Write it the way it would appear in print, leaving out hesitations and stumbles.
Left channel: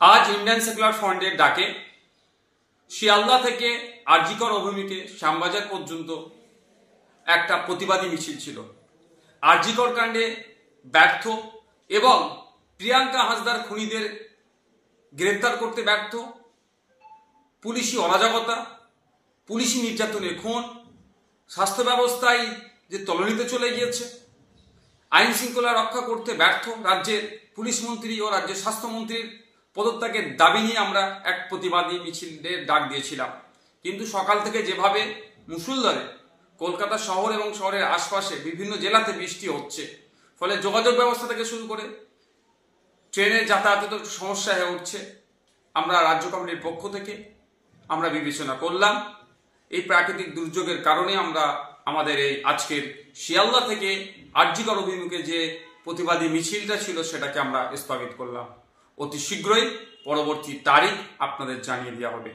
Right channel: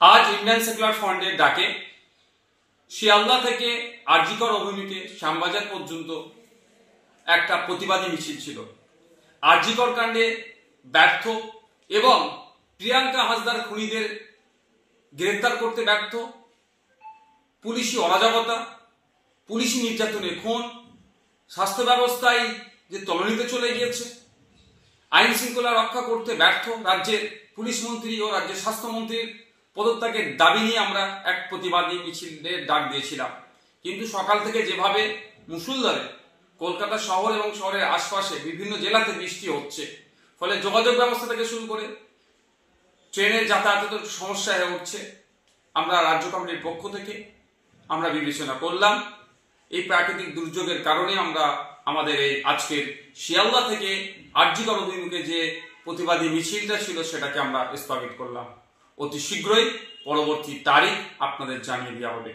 আজ Indian secular ফ্রন্টের ডাকে শিয়ালদা থেকে আরজিকর অভিমুখে শ্যামবাজার পর্যন্ত একটা প্রতিবাদী মিছিল ছিল। আরজিকর কাণ্ডে ব্যর্থ এবং প্রিয়াঙ্কা হাসদার খুনিদের গ্রেফতার করতে ব্যর্থ, পুলিশি অরাজকতা, পুলিশি নির্যাতনের খুন, স্বাস্থ্য ব্যবস্থায় যে তলানিতে চলে গিয়েছে, আইন শৃঙ্খলা রক্ষা করতে ব্যর্থ রাজ্যের পুলিশ মন্ত্রী ও রাজ্যের স্বাস্থ্যমন্ত্রীর পদত্যাগের দাবি নিয়ে আমরা এক প্রতিবাদী মিছিলের ডাক দিয়েছিলাম। কিন্তু সকাল থেকে যেভাবে মুষলধারে কলকাতা শহর এবং শহরের আশপাশে বিভিন্ন জেলাতে বৃষ্টি হচ্ছে, ফলে যোগাযোগ ব্যবস্থা থেকে শুরু করে ট্রেনের যাতায়াতে সমস্যা হয়ে উঠছে, আমরা রাজ্য কমিটির পক্ষ থেকে আমরা বিবেচনা করলাম এই প্রাকৃতিক দুর্যোগের কারণে আমরা আমাদের এই আজকের শিয়ালদা থেকে আরজিকর অভিমুখে যে প্রতিবাদী মিছিলটা ছিল সেটাকে আমরা স্থগিত করলাম। অতি শীঘ্রই পরবর্তী তারিখ আপনাদের জানিয়ে দেওয়া হবে।